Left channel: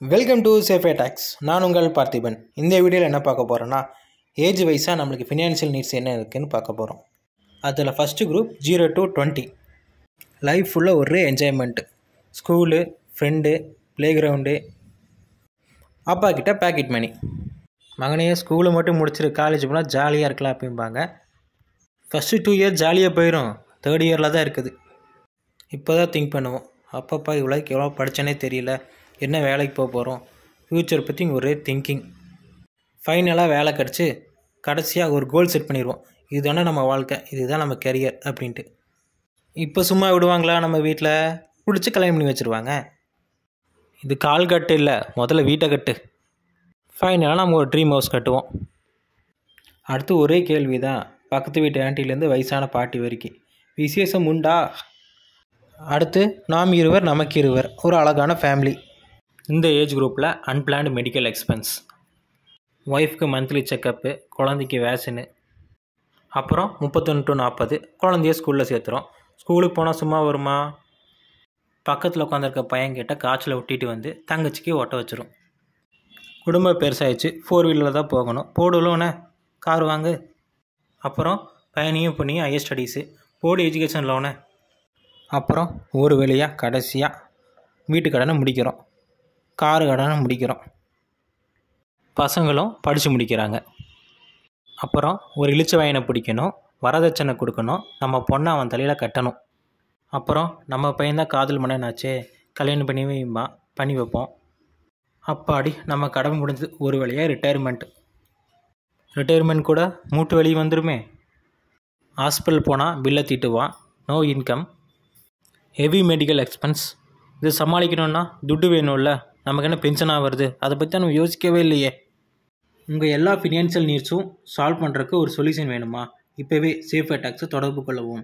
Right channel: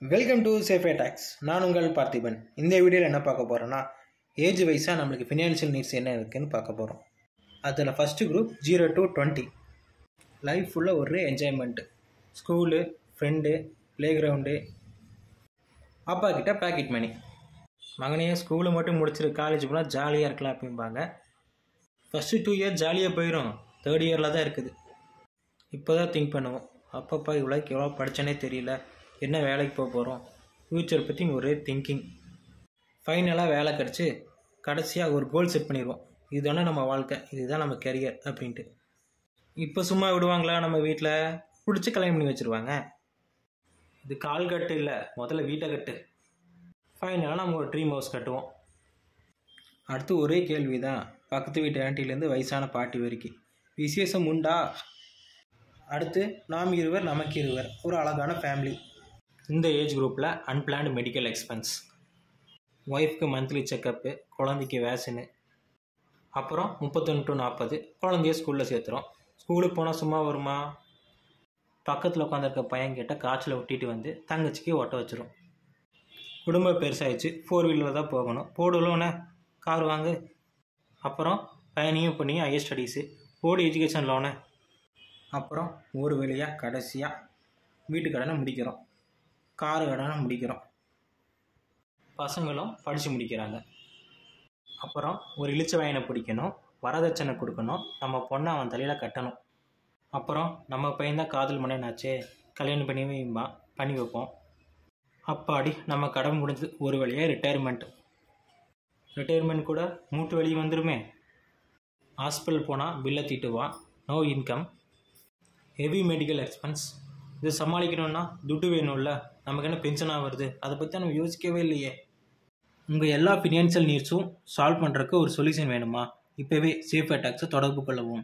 Welcome to சேஃபே tax. நான் உங்கள் பார்த்திபன். இந்த வீடியோவில் என்ன பார்க்க போகிறோன்னா, ஏஜ் வைஸாக நம்மளுக்கு ஃபினான்ஷியல் நீட்ஸ் என்ன இருக்குதுன்னு பார்க்க போகிறோம். அதில் ஃபஸ்ட்டு குரூப் 0 to 20. லைஃப் ஃபுல்லாக ஒரே enjoyment. School, friend, play ground, அப்பா கிட்ட பேக்கெட் மணி. மகனையே ஸ்கூலை மட்டும் முடிச்சிரு, காலேஜ் போனால் ஜாலியாக இருக்கலாம் அப்படிம்பாங்க. ஃபஸ்ட்டு 2 இயர் ஜாலியாக போயிடும், 3rd இயரில் தான் இருக்குது. இப்போ தான் திங்க் பண்ணுவோம், அப்பப்பா இவ்வளோக்கு எவ்வளோ படித்தனே தெரியல, என்ன வேலைக்கு போக போகிறோம், ஃப்யூச்சர் பற்றி ஒரே திங்கிங். ஃபைனலாக வேலை கிடச்சி கடைசியாக ஒரு கோல் செட் பண்ணிடுவோம், இதுதானே நம்ம வாழ்க்கை, இதுதான் நம்ம கெரியர் அப்படின்ட்டு. இப்போ சும்மா விடுவாங்களா? நம்ம வீட்டில் பிடிச்சி கல்யாணம் பண்ணி வச்சுருவாங்க. இது கால் கட்டு இல்லை, முதல்ல வீட்டை கட்டு. ஃபைனலாக நம்ம ஒரு ட்ரீம் ஹவுஸ் கட்டுவோம். அடுத்து ஒரே கேள்வி தான், பக்கத்து வீட்டு ஆண்டிலேருந்து வயசான பாட்டி வரைக்கும், விசேஷம் உண்டா? அடுத்து நாம் இருவர் நமக்கு இருவர், ஒரு அழகான ஃபேமிலி. இந்த ஏஜ் குரூப்பில் அன்பிளான்டு மெடிக்கல் எக்ஸ்பென்ஸ், ஒய்ஃப்க்கு மந்த்லி செக்கப்பு, குழந்தைக்கு வேக்சினு. அப்புறம் 31 to 40 குழந்தைய ஸ்கூலில் சேர்த்துறோம். ஸ்கூலுக்கு போனால் சும்மா வருமா? பக்கத்தில் உட்காந்துருக்க பையன்கிட்ட காய்ச்சலை ஒட்டிட்டு வந்து தங்கச்சிக்கு ஓட்ட வச்சிரும். குடும்பம் பெருசாகிடுச்சு, 4 வீலரில் தான் போகணும், போடுவோன்னே கார் வாங்கு. அப்புறம் பையனையும் பொண்ணையும் higher studies, board education loan. அப்புறம் ஒரு வழியாக கடைசியாக வீட்டு கடனை முடிக்கிறோம், காரு கடனை முடிக்கிறோம், பசங்களும் படித்து முடிக்கிறாங்க. அப்புறம் ஒரு இளிச்ச வாயினை பிடிக்கணும், வரதட்சணை கொடுக்கணும், நம்ம பொண்ணை அவன் தலையில் கட்டணும். அப்புறம் நம்ம பையன்தான் காதல் மன்னனாச்சே, கல்யாணம் பண்ணி வைப்போம். அப்பாடி நம்ம கடமை முடிஞ்சது, ஒரு வழியாக ரிட்டையர்மெண்ட் கூட மூட்டு வலி வந்துடுமே. ஹாஸ்பிட்டல் போனால் பில்லை தீட்டுவான், no income, heavy medical expense. இது சமாளிக்கணுன்னா துட்டு வேணும்ல, நமக்கு என்ன பென்ஷனாக வருது, அதை பற்றி நம்ம யோசிக்கவே இல்லையே. உங்கள் எல்லா ஃபினான்ஷியல் நீட்ஸும் சால்வ் பண்ணுறதுக்கு ஒரு சொல்யூஷன் வேணுமா? இப்போவே சேஃபே டாக்ஸை தொடர்பு கொள்ளவும்.